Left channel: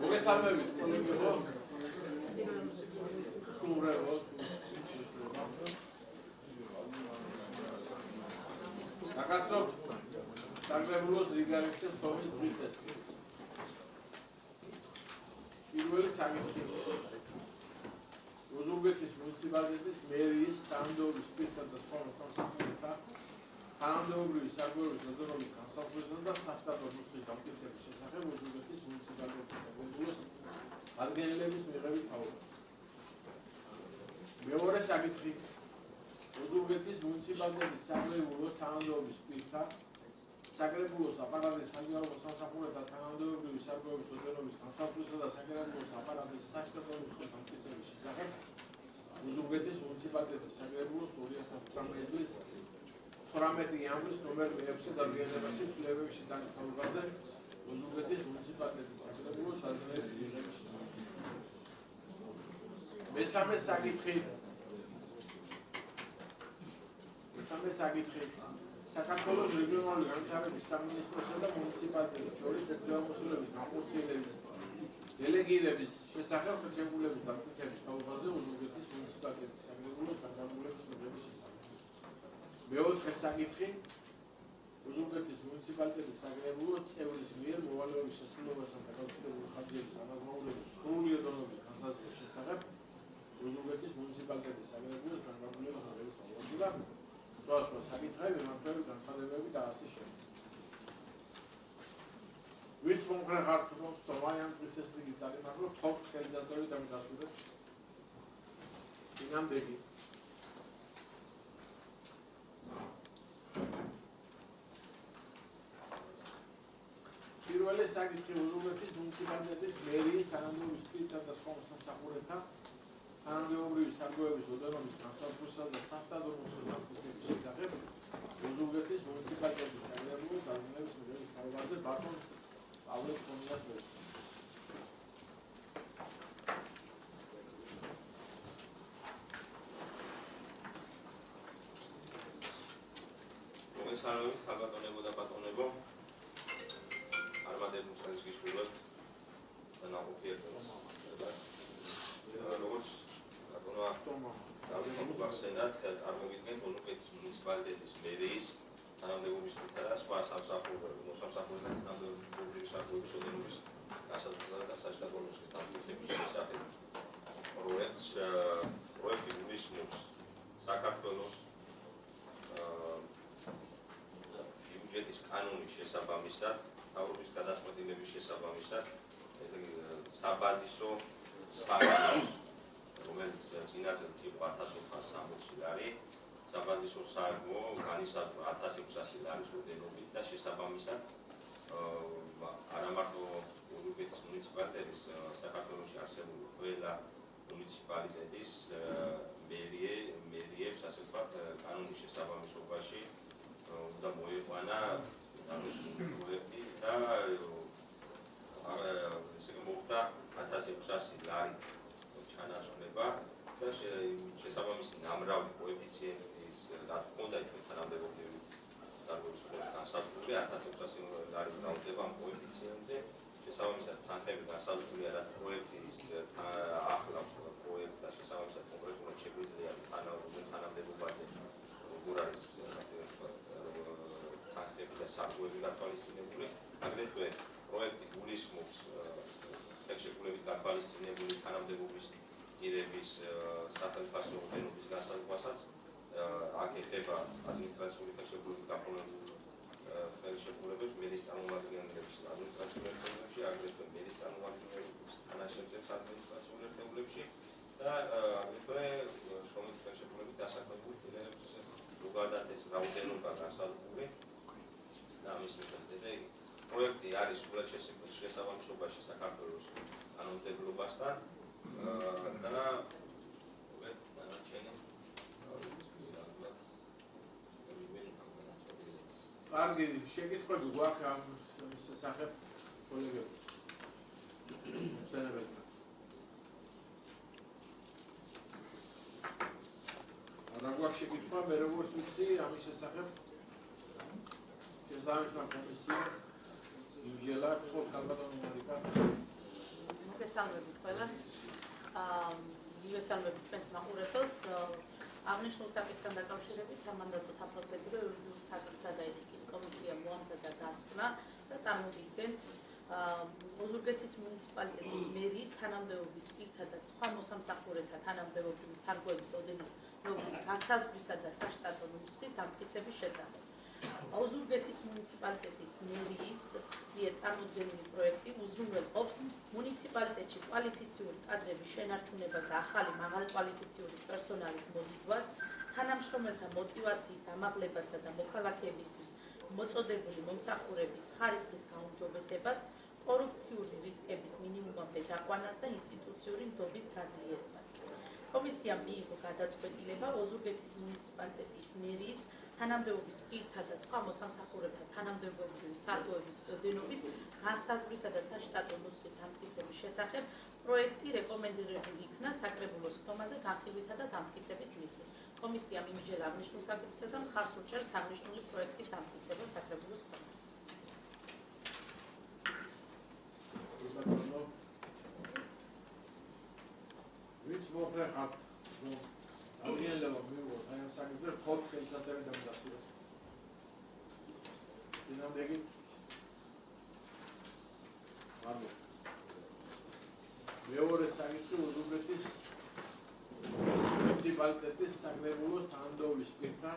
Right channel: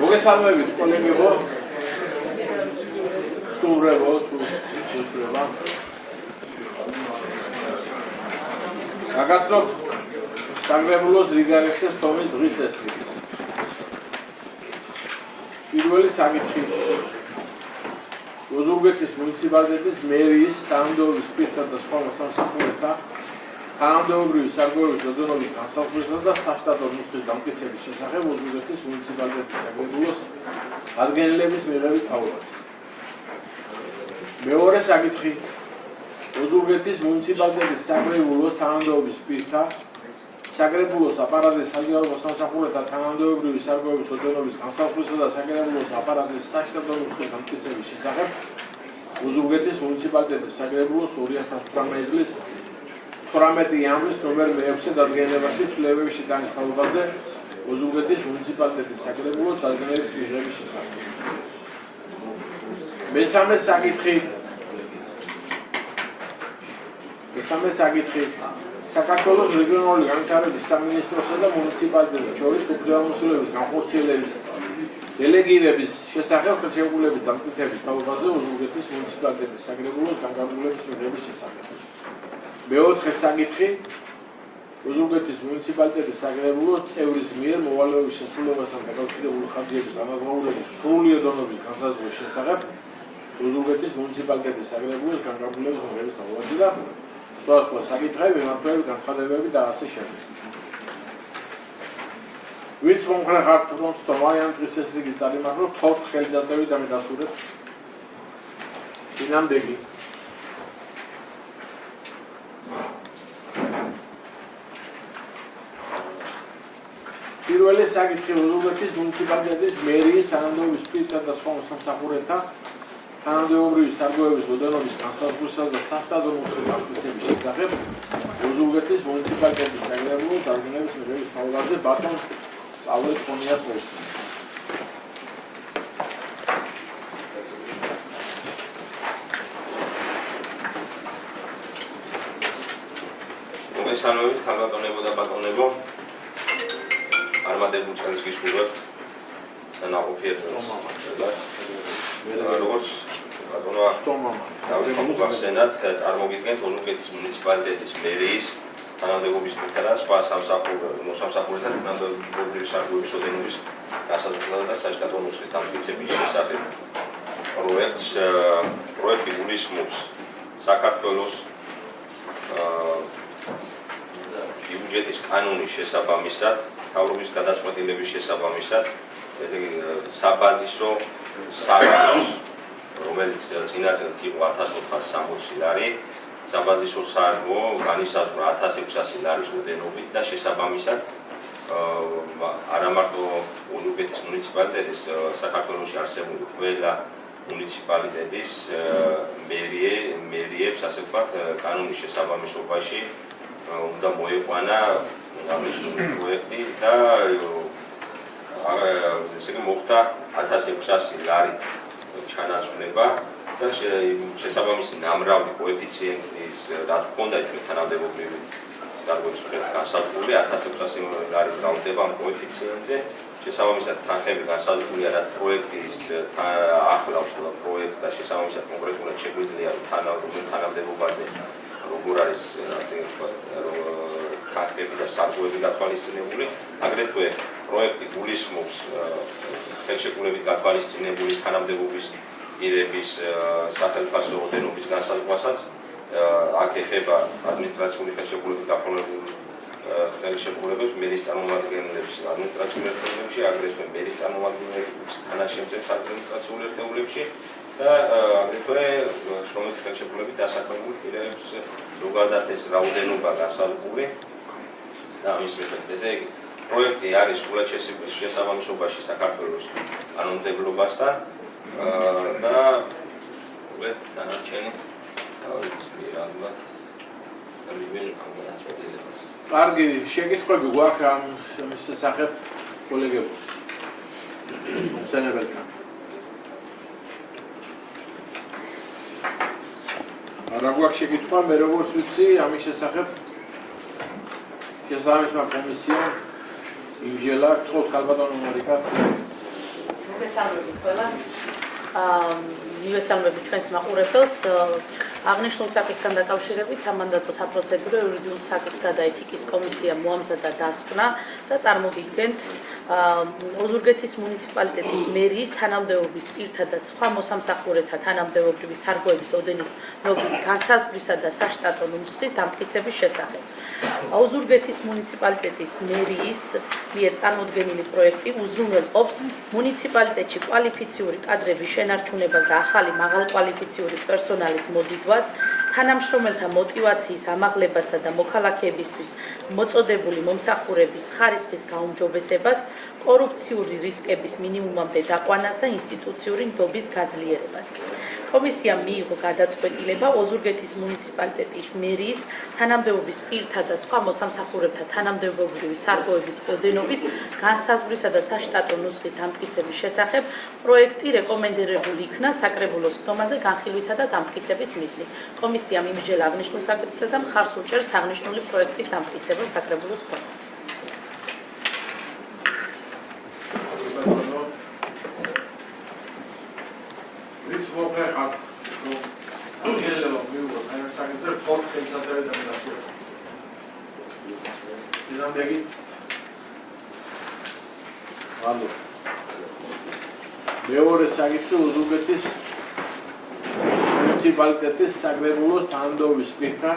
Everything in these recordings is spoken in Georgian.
მოგესალმებით კოლეგებო, სტუმრებო, სტუმრება. გაგაცნობთ საგრებულოს რიგარეხის თომის დღის წესრიგს. პირველი საკითხი. ოზურგეთის მუნიციპალიტეტის მერიის თანამდებობის პირთა და სხვა მოსამსახურეთა თანამდებობრივი სარგოების ოდენობის განსაზღვრისა და საშტატო ნუსხის დამტკიცების შესახებ ოზურგეთის მუნიციპალიტეტის საგრებულოს ადგენილების მიღების თავობაზე. მეორე საკითხი. ოზურგეთის მუნიციპალიტეტის საგრებულოს თანამდებობის პირთა საგრებულოს აპარატის საჯარო მოსამსახურეთა თანამდებობრივი სარგოების ოდენობის განსაზღვრისა და საგრებულოს აპარატის საშტატო ნუსხის დამტკიცების შესახებ ოზურგეთის მუნიციპალიტეტის საგრებულოს 2018 წლის 18 იანვრის ნომერ 6 დადგენილებაში ცვლილებების შეტანის თავობაზე ოზურგეთის მუნიციპალიტეტის საგრებულოს დადგენილების მიღების შესახებ. მესამე საკითხი. საქართველოს რეგიონალური განვითარების სამინისტროსა და მუნიციპალიტეტებს შორის უფლებამოსილების განხორციელების დელეგირების შესახებ ხელშეკრულების დამტკიცების თავობაზე ოზურგეთის მუნიციპალიტეტის საგრებულოს განკარგულების მიღების შესახებ. მეოთხე საკითხი. ოზურგეთის მუნიციპალიტეტის საგრებულოს წევრის მიერ მოვალეობის შესრულებასთან დაკავშირებული ხარჯების ანაზღაურების სრული ოდენობის განსაზღვრის შესახებ ოზურგეთის მუნიციპალიტეტის საგრებულოს განკარგულების მიღების თავობაზე და სხვადასხვა საკითხები, მიმართულებით განცხადებები და ასე შემდეგ. ვინც მომხრე ხართ რომ სტომარიან დღის წესრიგი წარიმართოს, ხოთ ხელი დატევით და მიდასურეთ. წინამდეგი. პირველი საკითხი ოზურგეთის მუნიციპალიტეტის მერიის თანამდებობის პირთა და სხვა მოსამსახურეთა თანამდებობრივი სარგოების ოდენობის განსაზღვრისა და საშტატო ნუსხის დამტკიცების შესახებ ოზურგეთის მუნიციპალიტეტის საგრებულოს დადგენილების მიღების თავობაზე ბატონ პავლე ჭყონიას მოსწონს. მოგესალმებით ქალბატონებო და ბატონებო. არმადებულ წელს გისურვებთ ნაყოფიერ წელს. როგორც ბატონო გახსენათ, წარმოგიდგენთ ოზურგეთის მუნიციპალიტეტის მერიის თანამდებობის პირთა და სხვა მოსამსახურეთა თანამდებობრივი სარგოების ოდენობის განსაზღვრისა და საშტატო ნუსხის დამტკიცების შესახებ. პროექტი გულისხმობს საქართველოს ბიუჯეტის კანონის შესაბამისად, მთავრობის გადაწყვეტილების შესაბამისად, ესე იგი საბაზისო სარგოს, რომელიც წინა წელს იყო 1460 ლარი, საბაზისო სარგო განისაზღვრა 1600 ლარის ოდენობით და შესაბამისად არა მარტო ოზურგეთის მუნიციპალიტეტის საქართველოში არსებული ყველა მუნიციპალიტეტის მერიებს, ასე ვთქვათ, კანონის შესაბამისობაში უნდა მოეყვანა აღნიშნული პროექტი და ესე იგი მოხდა 1600 ლარი ჩანაცვლება და შესაბამისი ნამრავი კოეფიციენტის რაც ჰქონდა ჩვენ თანამდებობრივი სარგოების მიხედვით განსაზღვრული 1600 ლარი გრაუნდება ამ კოეფიციენტზე. შესაბამისად თანხები განსაზღვრულია რაც პროექტის ახლავს პროექტს და შესაბამისად კონკრეტულად შეგვიძლია თანამდებობაზე როგორ არის ასე ვთქვათ თანხები და სარგოები გათვალისწინებული. აგრეთვე პროექტი გულისხმობს ხელშეკრულებით გათვალისწინებული თანამდებობის პირების სახელმწიფო ოდენობის განსაზღვრავასაც. აქ ეხება ადმინისტრაციული ხელშეკრულებით გაფორმებულ ხელშეკრულებებს, მერის წარმომადგენლებს ადმინისტრაციულ ერთეულებში, აგრეთვე მერის წარმომადგენლებს თანაშემწე ადმინისტრაციულ ერთეულებში და აგრეთვე შრომით ხელშეკრულებით დასაქმებულ პირებს ზოგადად ეს რაოდენობა განსაზღვრული და ამის მიხედვით პროექტი არის სრულად შესაბამისობაში საქართველოს კანონმდებლობასთან და დანარჩენი კარგი, შეკითხვები გვაქვს ამ შესახებ კოლეგებო. მოგესალმებით. არა გვაქვს შეკითხვა, მე როგორც ვიცი, ამის შესახებ შესაბამისმა კომისიამ იმჟელა, თქო ქალბატონო მარიკა ყველას. მივესალმებით ჩვენს მაყურებელს. აღნიშნულ საკითხთან დაკავშირებით სამანდატო საპროცედურო იურიდიული საკითხთა და ეთიკის კომისია მოამზადა დასკვნა და წარმოგიდგენთ ოზურგეთის მუნიციპალიტეტის მერიის თანამდებობის პირთა და სხვა მოსამსახურეთა თანამდებობრივი სარგოების ოდენის ნორმის განსაზღვრისა და საშტატო ნუსხის დამტკიცების შესახებ. ოზურგეთის მუნიციპალიტეტის მერიის მიერ წარმოდგენილი პროექტი უზრუნველყოფს მუნიციპალიტეტში კვალიფიციური კადრების შენარჩუნებას და ახალი მაღალკვალიფიციური პერსონალის მოზიდვას, თანამშრომელთა мотиваციის ამაღლებასა და მოქალაქეებისთვის მოწოდებული მომსახურების ხარისხის გაუმჯობესებას, კორუფციული რისკების მინიმუმამდე დაყვანას და ინსტიტუციური ნდობის გაძლიერებას. კომისიამ მიიღო გადაწყვეტილება ოზურგეთის მუნიციპალიტეტის მერიის თანამდებობის პირთა და სხვა მოსამსახურეთა თანამდებობრივი სარგოების ოდენობის განსაზღვრისა და საშტატო ნუსხის დამტკიცების შესახებ პროექტი რეკომენდირებული იქნა საკრებულოს ხდომაზე განხილვისა და დამტკიცების მიზნით. კომისიამ იმისჯელა აღნიშნულ საკითხსა და მხარს უჭერს აღნიშნული პროექტის დამტკიცებას საკრებულოს ხდომაზე. მოხერხat აღიარება მიიღო აი საკითხზე ფორტ ხელსაწერიდან დასწრებს. იზამბეგი ალო მეორე საკითხი ოზურგეთის მუნიციპალიტეტის საკრებულოს თანამდებობის პირთა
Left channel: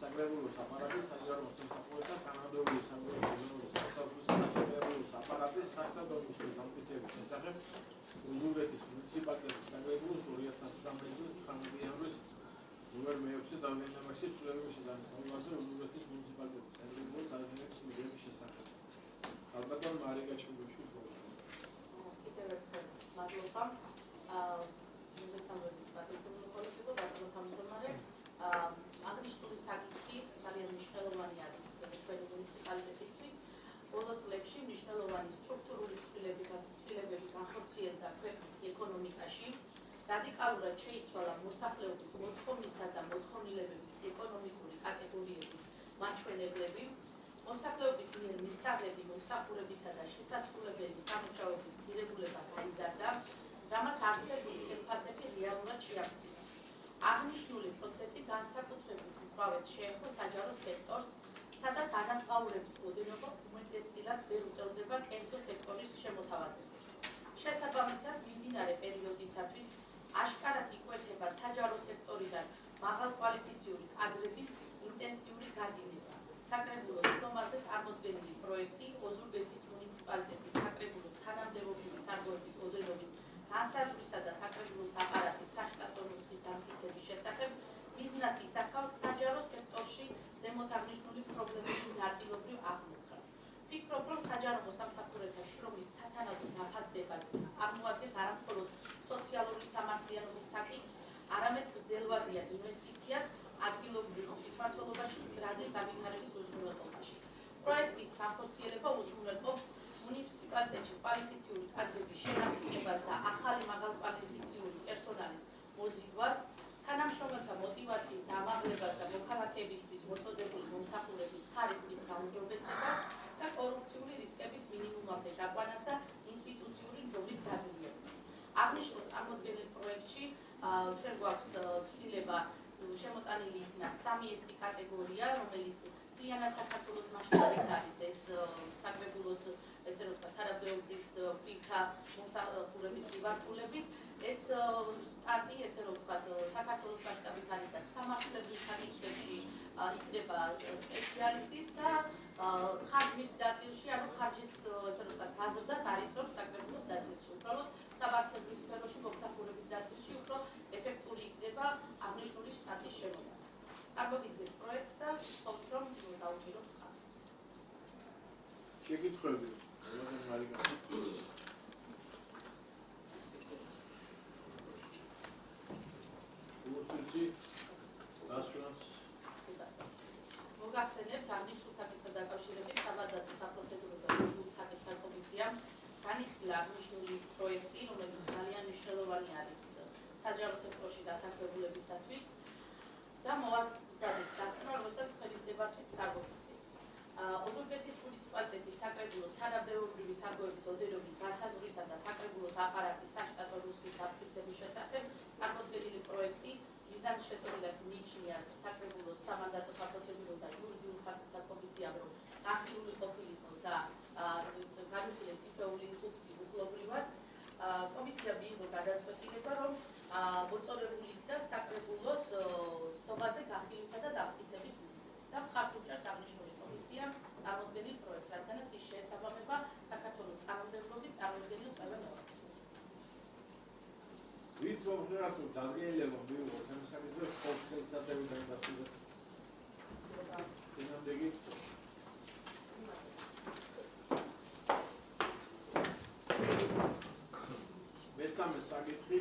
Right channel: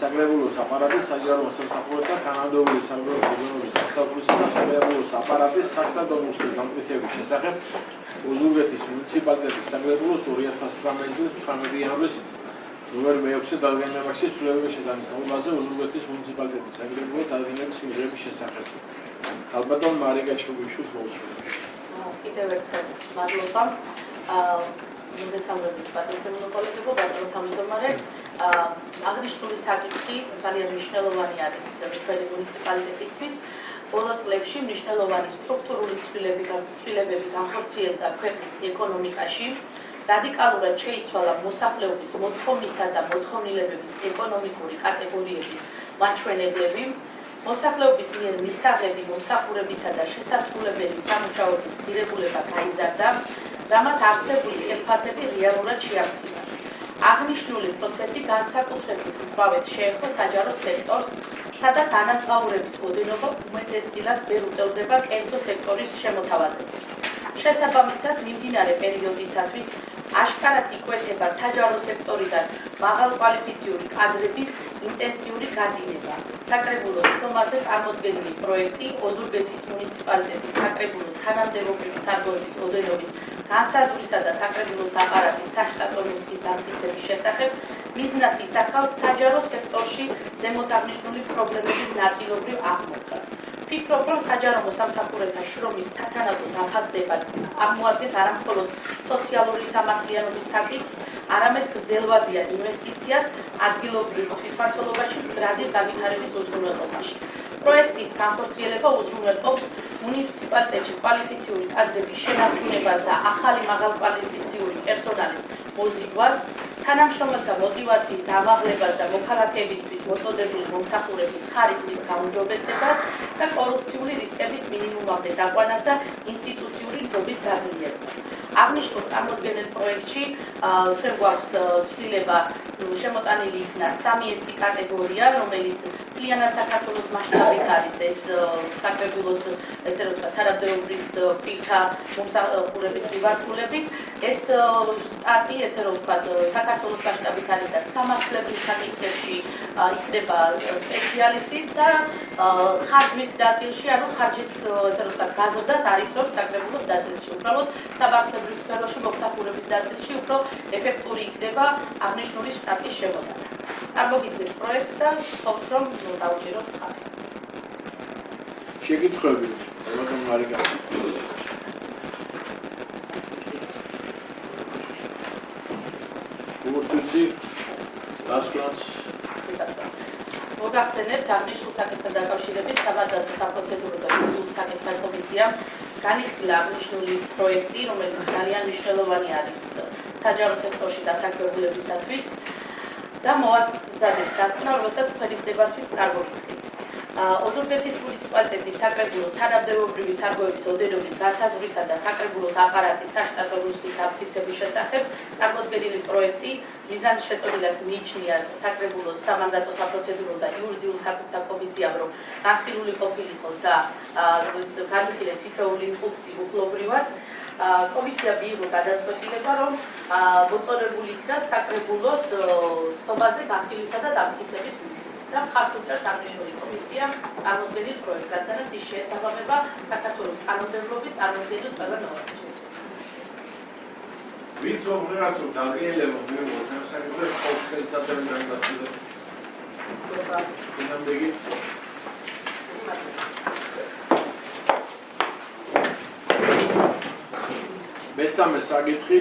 საკრებულოს აპარატის საჯარო მოსამსახურეთა თანამდებობის საგარეუბნის დასაწყისისა და საკრებულოს აპარატის საშტატო ნუსხის დამტკიცების შესახებ ოზურგეთის მუნიციპალიტეტის საკრებულოს 2018 წლის 18 იანვრის ნომერ მე-6 დადგენილებაში ცვლილებების შესანიშნავებაზე ოზურგეთის მუნიციპალიტეტის საკრებულოს დადგენილების მიღების შესახებ. ალბათონ მარიკა ჩუბიშვილს მოუსმინეთ. კიდევ ერთხელ მადლობა. მოგესალმებით პატრიოტულ კოლექტივო ბატონო თავმჯდომარე. აღნიშნული საკითხი ძალიან მნიშვნელოვანი არის ჩვენი მუნიციპალიტეტისთვის. ბოლო წლებში მნიშვნელოვანი სტრუქტურული ცვლილებები განხორციელდა ქვეყნის ეკონომიკაში. რადიკალურად შეიცვალა მოსახლეობის მოთხოვნისა და მოთხოვნილებების ეკონომიკური კატეგორიების მაჩვენებლები. მოსახლეობის მიერ მისაღები მომსახურებისა და შესასრულებელი სამუშაოების ღირებულება გაიზარდა, რამაც არსებული ხელფასები რეალურად შეამცირა. აღნიშნული პროცესი განსაკუთრებით მწვავედ შეეხო საჯარო სექტორს, სადაც ანაზღაურების ოდენობა უმეტესწილად ვერ უტევდება კერძო სექტორის შემოთავაზებებს. შესაბამისად, მიმდინარე პერიოდისათვის აშკარად იკვეთება საჯარო სექტორიდან მაღალკვალიფიციური კადრების ინტენსიური გადინება. საკრებულოს ხდომაზე წარმოდგენილი პროექტი ოზურგეთის მუნიციპალიტეტის საკრებულოს თანამდებობრივი სარგოების ოდენობის განსაზღვრისა და საკრებულოს აპარატის საშტატო ნუსხის დამტკიცების შესახებ მიზნად ისახავს საჯარო სექტორში ზემოთ აღნიშნული პრობლემების ნაწილობრივ აღმოჩენას. ვფიქრობ, რომ საჯარო მოსამსახურეთა შრომის სათანადო დაფასება წარმოადგენს არამხოლოდ სოციალური სამართლიანობის საკითხს, არამედ გრძელვადიან ინვესტიციას ადგილობრივ მყიფართულობაში მდგრადი განვითარების უზრუნველყოფაში. პროექტის განხორციელება უზრუნველყოფს მუნიციპალიტეტში კვალიფიციური კადრების შენარჩუნებას და ახალი მაღალკვალიფიციური პერსონალის მოზიდვას, თანამშრომელთა мотиваციის ამაღლებას და მოქალაქეებისთვის მოწოდებული მომსახურების ხარისხის გაუმჯობესებას და კორუფციული რისკების მინიმუმამდე დაყვანას და ინსტიტუციური ნდობის გაძლიერებას. აღნიშნულ წარმოდგენილ პროექტში ჩვენ გვაქვს ცვლილება შემოტანილი იქნა 3 კატეგორია, რომელიც მთლიანად საქართველოს მასშტაბით არის ეს საკრებულოს ესე რომ ვთქვათ თანამდებობის პირთა მომსახურების მიმართულებით. ეს სტატი ესე რომ ვთქვათ საქართველოს მასშტაბით არის და სამართლებრივ საკითხებში იქნება სპეციალისტი და ხარჯით ნაწილში, ანუ ხარჯის ესე რომ ვთქვათ გაზრდას არიწევს საკრებულოს ნაწილში. უბრალოდ სამართლებრივ სფეროში მომსახურების ნაწილში უფრო ეფექტური იქნება აღნიშნული შტატის შემოტანა. წარმოგიდგენთ პროექტს და ვთქვათ, რომ დავუჭიროთ ხალხი. შეკითხვები, ბატონო მარიკა. უციცი დასკვნას მოგახსენებთ აღნიშნულ საკითხთან დაკავშირებით სამანდატო საპროცედურო და იურიდიული საკითხთა კომისიამ განიხილა აღნიშნული პროექტი, რომელიც ძალიან მნიშვნელოვანი არის საჯარო სექტორში დასაქმებულებისათვის და მოასწრებით დასკვნა, რომელსაც თქვენის ნებართვით წარმოგიდგენთ. ოზურგეთის მუნიციპალიტეტის საკრებულოს თანამდებობრივი სარგოების ოდენობის გასაზღვრისა და საკრებულოს აპარატის საშტატო რუსხის ამტკიცების შესახებ წარმოდგენილი პროექტი მიზანის შეწყვეტილად მიიჩნია საკრებულოს სამანდატო საპროცედურო და იურიდიულ საკითხთა კომისიამ, რომ განხილული ყოფილიყო და განიხილეთ თითოეული პუნქტი უხლობრივად. კომისია მიიღო გადაწყვეტილება, რომ მოწონებული იქნა საკრებულოს ხობაზე განხილვისა და დამტკიცების მიზნით. და მხარს უჭერს აღნიშნული კომისია წარმოდგენილ პროექტს, რადგანაც ის შეესაბამება საქართველოს კანონმდებლობის წარმოდგენილ ყველა ნორმებს. ვინც უბრალოდ დაგიელება მეუბნებს საკითხზე ყოველთვის დაწერილი გასაგებია. ნამდვილი მესამე საკითხი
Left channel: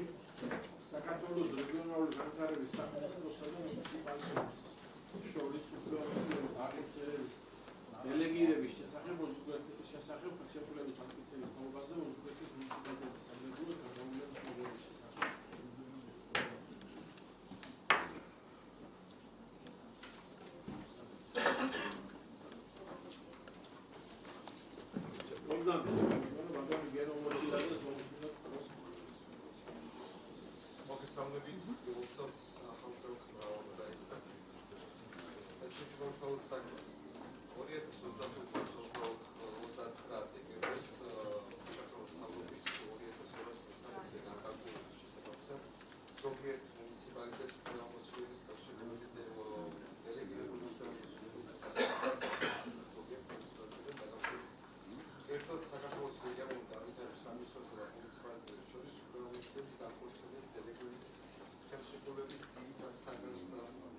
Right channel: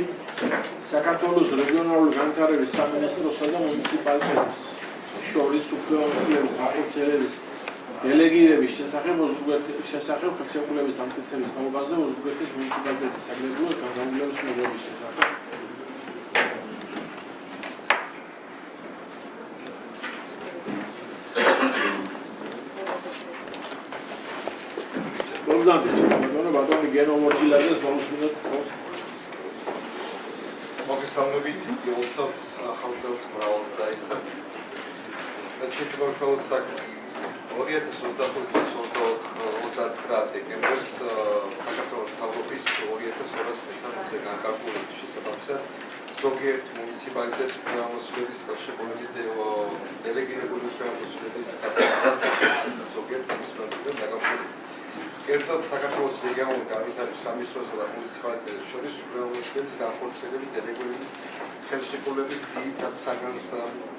საქართველოს რეგიონალური განვითარების სამინისტროსა და მუნიციპალიტეტს შორის უფლებამოსილების განხორციელების დელეგირების შესახებ ხერხემალოების დამტკიცების თაობაზე ოზურგეთის მუნიციპალიტეტის საკრებულოს განზრახვის მიღების შესახებ. ბატონი გენო მორჩილაძეს მომსმინოთ. მოგესალმებით, გილოცავთ ახალწელს მრავალ დაისა. Შეიძლება უშუალოდ საკითხს 2025-29 დეკემბერს საქართველოს თავრობის 2203-ზე განკარგული შესაბამისად ზოგიერთ მუნიციპალიტეტს უფლებამოსილების ხელშეკრულების დელეგირებული უფლებამოსილების გადაწყვეტილება ზოგიერთ მუნიციპალიტეტთან დაკავშირებით. კერძოდ საქართველოს რეგიონული განვითარების სამინისტროსა და მუნიციპალიტეტებს შორის უფლებამოსილების განხორციელების დელეგირების ხელშეკრულების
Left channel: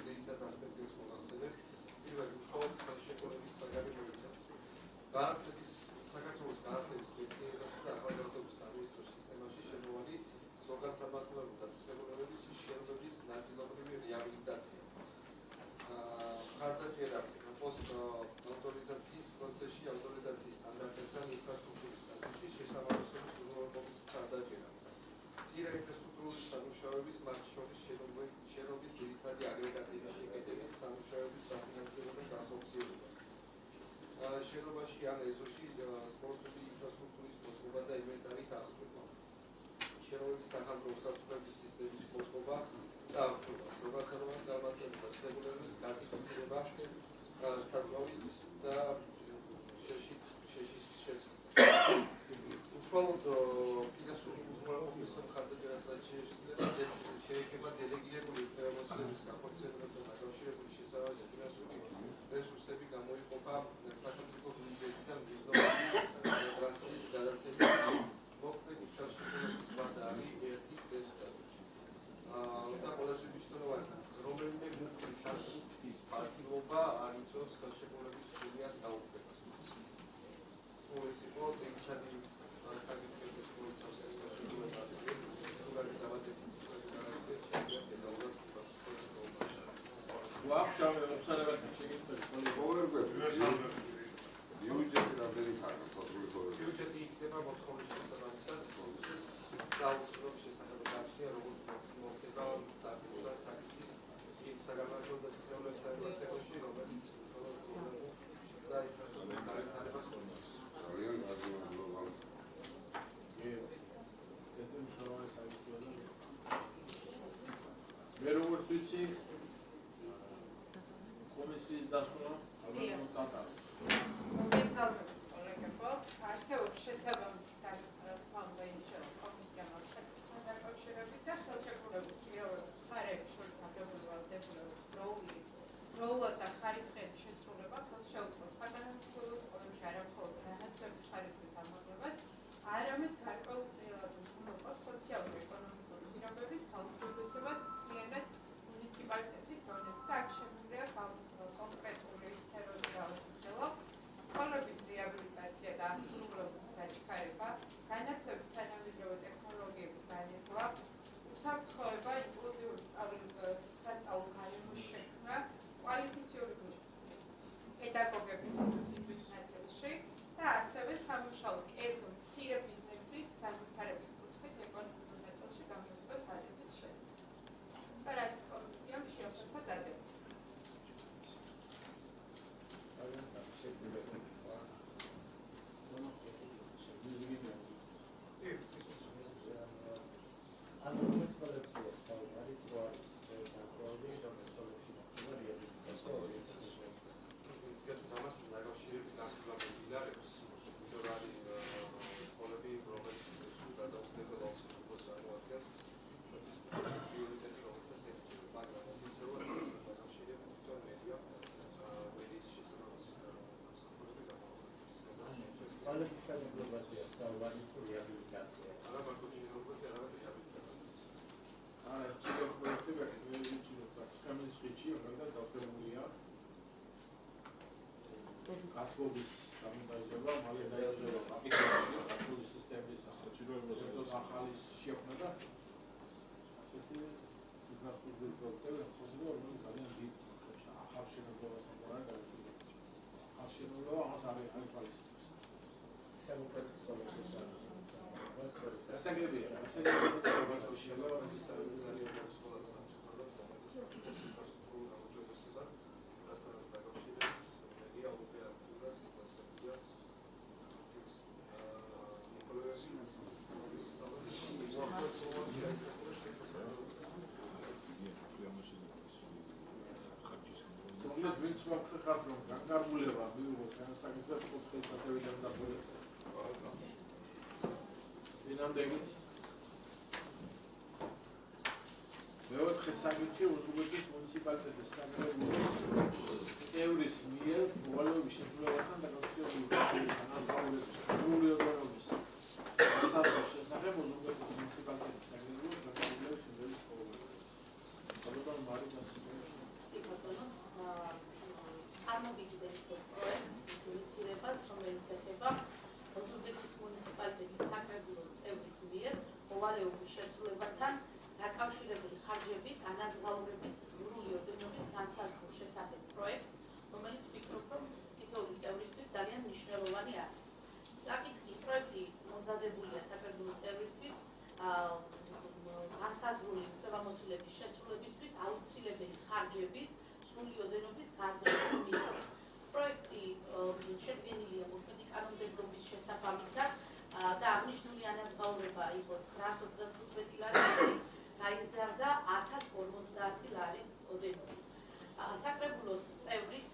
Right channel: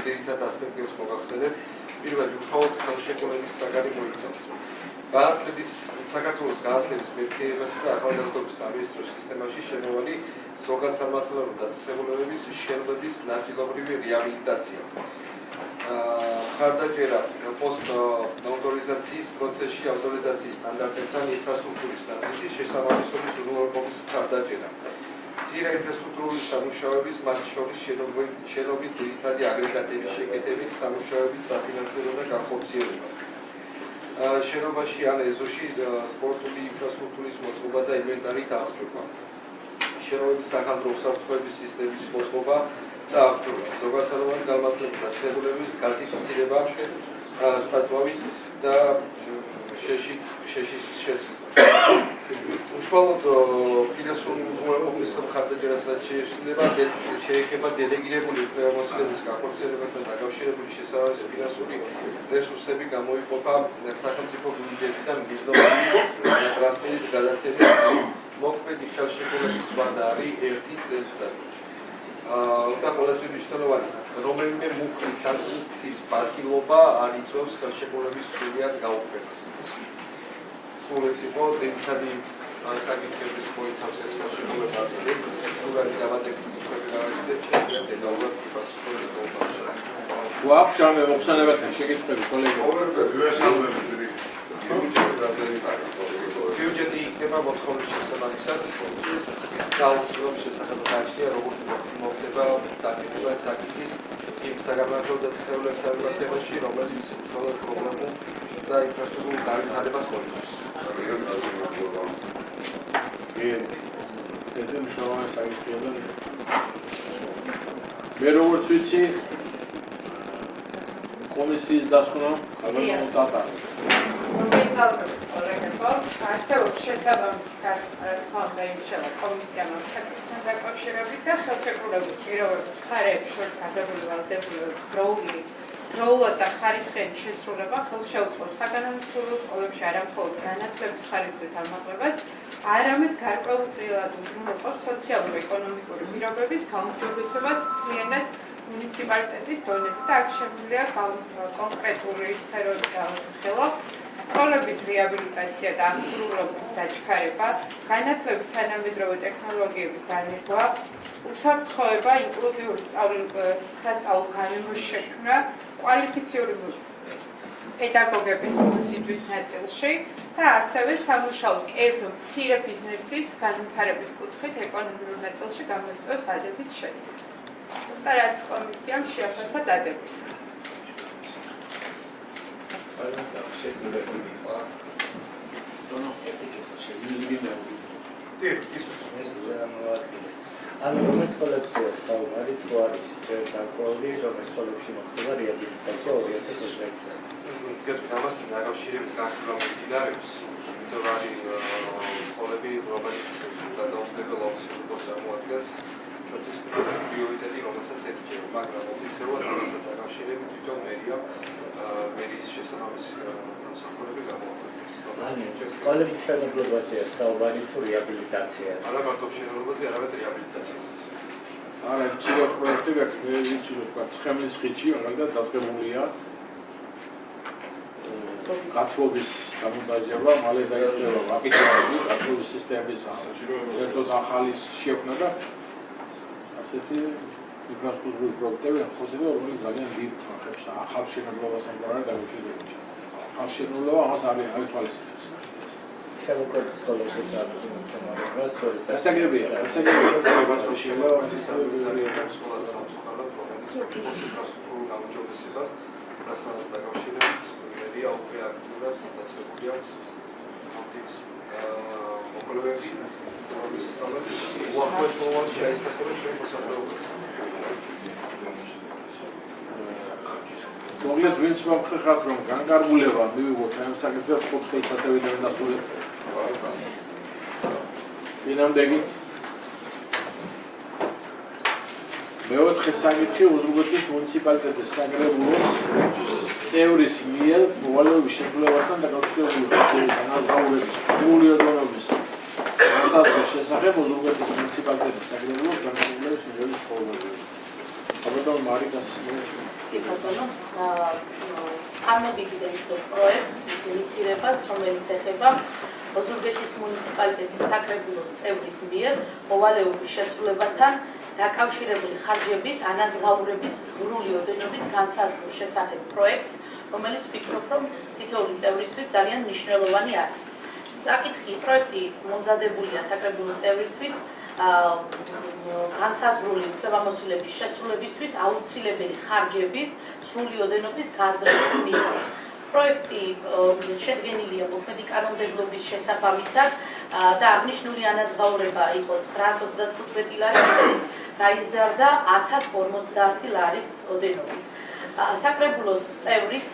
ძირითად ასპექტებს მოგახსენებთ. პირველი უშუალოდ ხელშეკრულების საგანი მოიცავს საქართველოს განათლების მეცნიერებასა და ახალგაზრდობის სამინისტროს სისტემაში შემოვალი ზოგადსამართლობრივი დაწესებულებების შენობების ნაწილობრივი რეაბილიტაცია. ხარდაჭერა პოსტ-ავტორიზაციის პროცესში ავტორიზაციის სტანდარტებთან ინფრასტრუქტურის ნაწილში შესაბამისობის უზრუნველყოფის ხარდაჭერა. მცირე ინფრასტრუქტურული სამუშაოების, მათ შორის შენობის ძირითადი აგრეგატების შეკეთების სამუშაოების დაფინანსება და განხორციელება. შენობაში ან ეზოში სპორტული ინფრასტრუქტურის მოწყობა და ინვენტარი აღჭურვა. შენობების სახალხო უსაფრთხოების სისტემის მოწყობა და აღჭურვა. ზოგადსაროვანი განმარტებების დაწესებულების გაზიფიცირება, საწვავით და შეშის შესწავლა. უშუალოდ ფინანსური უზრუნველყოფის მხარდაჭერასაც შეეხება დელეგირებული უფლებამოსილების განხორციელებასთან დაკავშირებული შესაბამისი ფინანსური რესურსები გამოიყოფა სახელმწიფო ბიუჯეტიდან მიზნობარი ტრანსფერის გადაცემის მოქმედი ხელშეკრულების ვადა არის 1 წელიწადში. და ყველაზე მნიშვნელოვანი, რომელიმე მუხლის ან მუხლის პატილობა არ იწვევს ხელშეკრულების სრულად გაუქმებას. სულ ეს იყო ძირითადი საკითხების მოიცავს ეს ხელშეკრულება. ეს სრულად გამატეხილი პროგრამები და დეტალურად იფასწრებს. გვაქვს რამე მოხსენებათა შეკითხვები კოლეგებო? ბიუჯეტი იქნება მოთხოვნის შესაბამისად გაუძლების შესახებ გააჩნია როგორც მოხდება დაგეგმება საკითხის იმ საგამართლო დაწესებულებებთან მიმართებაში, რომელიც უშუალოდ პრობლემულ და ინფრასტრუქტურულ განვითარებას მოიცავს. ეს მნიშვნელოვანი საკითხია და მე როგორც ვიცი კომისიის დასკვნა აღარ მოტატარი. მოგესალმებით კოლეგებო, არსებობს შესაბამისი დასკვნა თქონდა იმშელა კომისიამ ამ საკითხთან დაკავშირებით და ხელშეკრულების პირობების მხარეებს შორის აღებული ვალდებულების დროულად და ხარისხიანი შესრულება ხელს შეუწყობს საკანონმდებლო სკოლებში არა მხოლოდ განათლების ხარისხის ამაღლებას, არამედ გარკვეულწილად უზრუნველყოფს სოციალურ-ეკონომიკური პირობების გაუმჯობესებას მთლიანად მუნიციპალიტეტის დონეზე და აქ შემიძლია კონკრეტული სფეროები დავასახელო. სკოლების რეაბილიტაცია და აღჭურვილობის დაჩქარება, განათლების თანამედროვე ტექნოლოგიების დანერგვა, უსაფრთხოება, ინკლუზიური სასწავლო გარემოს შექმნა, კვალიფიციური პედაგოგების მოსიდვის ნაწილში და ასევე სამუშაოს კერძო მცირე ბიზნესის განვითარების კუთხით ეკონომიკურ ნაწილში გამოიწვევს დადებით შედეგს. და რაც კომისიამ შეაფასა დადებით. ანუ რომ სკოლებსია საუბარი თუ არის დაკვეული რომ სკოლებში მოხდება რეაბილიტაცია 2020 წელს. გეტყვით ამას დაკავშირებით გასულამდინარეობს, იმიტომ არის სკოლები, რომელიც გადაუხდებელ ოპციას წარმოადგენს ჩვენთვის პრიორიტეტი, რომელსაც ეკჭება, მაგრამ ოფიციალურად ამასთან დაკავშირებით თვითონ მერიის შესაბამისი სამსახურები გამოაქვეყნებს. სკოლების მშენებლობაზე საუბარი თუ რეაბილიტაციაზე. არა მარტო მშენებლობაზე, არამედ რეაბილიტაციაზე. არა, ცივი პროექტები აქვს, მე ვიცი რომ ცხემლის ხიდში მაგალითად დაწყებულია გათბობის დამონტაჟება, მალე დაიწყება აპიტები, გათბობის სისტემის ერთად ახალი შექმნა და ასეთი ინფრასტრუქტურული პროექტები ხოსება, რომელიც ძალიან დიდ ხანს ახალ შენებლობას ამგვარად დაუშვებია. ახალ შენებლობა ამას არის თვალისწინებს. შემოკვეთის სკოლებში წარდგის მომხმარებას, დასაგებია, სკოლას სამწუხაროდ რომელიც ინფრასტრუქტურულ გამარჯვებას რასთან დაკავშირებით მერია უკვე აქტიურად დაწესებული აქვს ამის მოკლებები, რომლის უახლოეს მომავალში აისახება ჩვენ მოსახლეობას. მოკლედ ვინც მომხრეხავთ რომ განკარგულება მივიღოთ ამ საკითხზე 4 წელიწადიდან დასრულებით. დინამდეგი მეოთხე საკითხი უზრუნველყოფის მუნიციპალიტეტის საკრებულოს წევრის მიერ მოვალეობის შესრულებასთან დაკავშირებული განაზღაურების სრული ოდენობის განსაზღვრის შესახებ უზრუნველყოფის მუნიციპალიტეტის საკრებულოს განკარგულების მიღების პროგრამა. საბადო მარიკას წარმოგიდგენთ პროექტის ინიცირებას, რომელიც ეხება ოზურგეთის მუნიციპალიტეტის საკრებულოს წევრის მიერ მოვალეობის შესრულებასთან დაკავშირებული ხარჯების ანაზღაურების სრული ოდენობის განსაზღვრის შესახებ პროექტს, რომელიც ვფიქრობ, რომ თითოეული წევრისთვის ძალიან მნიშვნელოვანი არის. საკითხი პროექტი მომზადებულია საკრებულოს წევრისთვის განსაზღვრული უფლებამოსილების შესრულებისთვის აუცილებელი ხარჯების სრული ოდენობის გაზრდის მიზნით. პროექტი შედგენილია მოქმედი კანონმდებლობის შესაბამისად და აღნიშნული ანაზღაურება იყო 925 ლარი, რომელიც გაიზარდა 1050 ლარის ოდენობით. საკრებულოს წევრის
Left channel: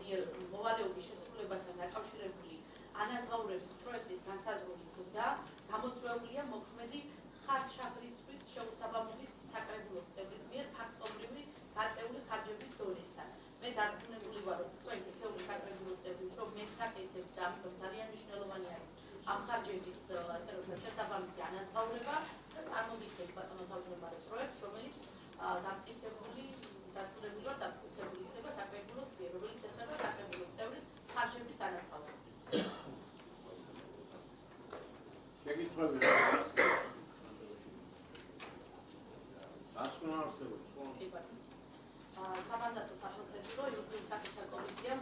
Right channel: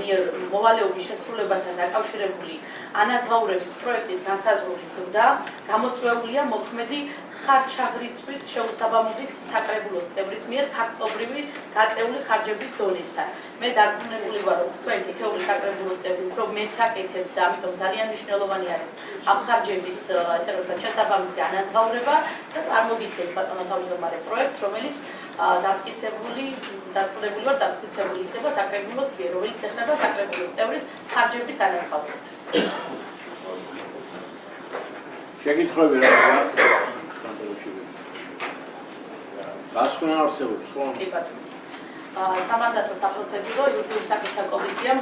მიერ მოვალეობის შესრულებასთან დაკავშირებული ანაზღაურების პროექტის განსაზღვრის ზრდა გამოწვეულია მოქმედი ხარჯაღრიცხვის შეუსაბამობის საკრებულოს წევრის მიერ ფაქტობრივი გაწეული ხარჯების დონესთან. მე დარწმუნებული ვარ, რომ თქვენ თითოეული საკრებულოს წევრი უფრო მეც აკეთებთ და ამიტომ ძალიან მნიშვნელოვანი არის ამ ხარჯების ასე რომ ვთქვათ შესაბამისი ანაზღაურება და წარმოგიდგენთ ბატონო თავმჯდომარე პროექტს, რომელიც დარწმუნებული ვარ, დამტკიცებული იქნება საკრებულოს მიერ, რომელიც ეხება საკრებულოს წევრის ხარჯების ანაზღაურებას. შეკითხვები რა აქვს? გასვლა არსებობს ხო? კი ბატონო. სამანდატო საპროცედურო იურიდიული საკითხთა კომისიამ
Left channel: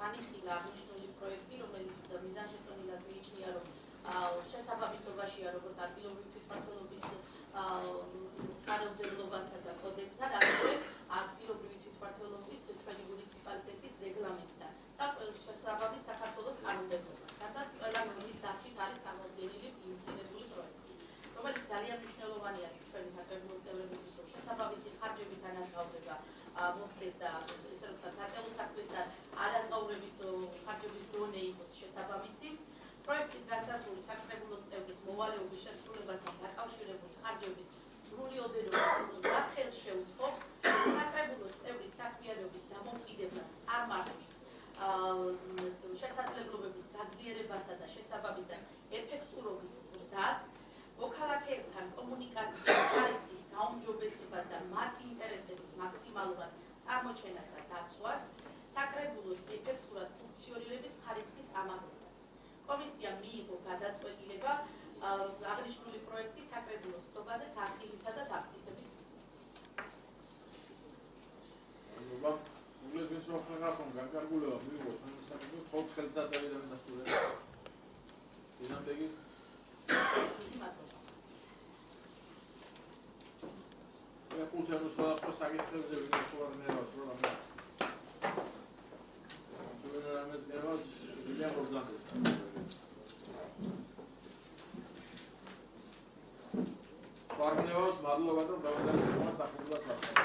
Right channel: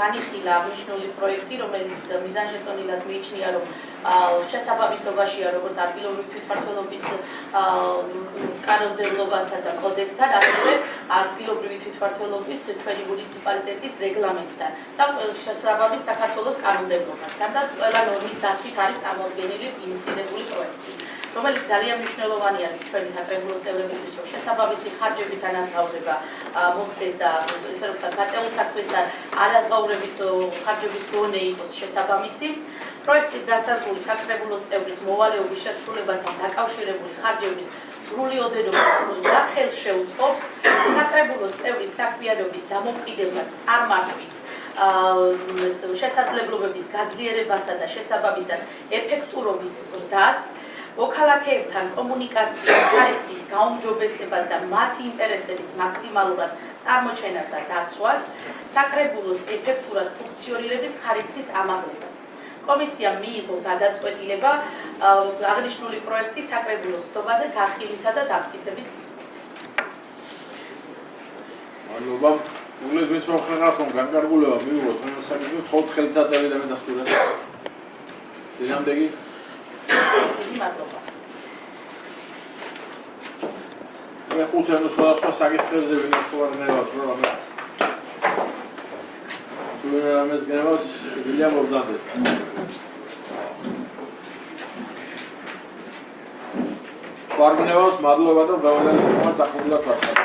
განიხილა აღნიშნული პროექტი, რომელიც მიზანშეწონილად მიიჩნია, რომ შესაბამისობაშია როგორც ადგილობრივი თვითმმართველობის კანონმდებლობასთან და კოდექსთან, ასევე ადგილობრივი თვითმმართველობის ჩვენი მუნიციპალიტეტის რეგლამენტთან და შესაბამის საქართველოს კანონმდებლობასთან და ყველა ნორმის დაცვით არის წარმოდგენილი ინიცირებული პროექტი, რომელიც ძალიან მნიშვნელოვანი არის ჩვენი საკრებულოს წევრებისთვის, რომ შესაბამისი ხარჯების ანაზღაურება მოხდეს და ესე რომ ვთქვათ, გაწეულ საქმესთან ანაზღაურების ხარჯების დონე იყოს შესაბამისი. პროექტის დასაზღვრული საკრებულოს წევრის მოვალეობის შესრულებასთან დაკავშირებული ხარჯების სრული ოდენობის ზრდა ხელს შეუწყობს საკრებულოს წევრის საქმიანობის დამოუკიდებლად წარმართვის შესაძლებლობების გაძლიერებასა და შესაბამისად ეფექტურობის ზრდას, მოქალაქეებთან კომუნიკაციის ხარისხის გაუმჯობესებას და მათი ინტერესების მაქსიმალურად წარმოჩენას და დაცვას, საკრებულოს ეფექტურად ფუნქციონირების ხარისხის ამაღლებას. კომისიამ მიიღო გადაწყვეტილება აღნიშნული პროექტის საკრებულოს ხდობაზე განხილვისა და დამტკიცების მიზნით. მადლობა. უგლეს ვის მოხერხავთ, რომ განკარგულება მივიღოთ ამ საკითხზე 4 წელიწადიდან დასრულებით. დინამდეგი მადლობა. მე ხუთი ან სხვადასხვა საკითხებზე ვინმე სხვა ნერვად რომ თუ რამეს გნევავს, შეგიძლია მობრძანდეთ. Pargnevos, madlova და გავლენის მომად დახურდა თქვა.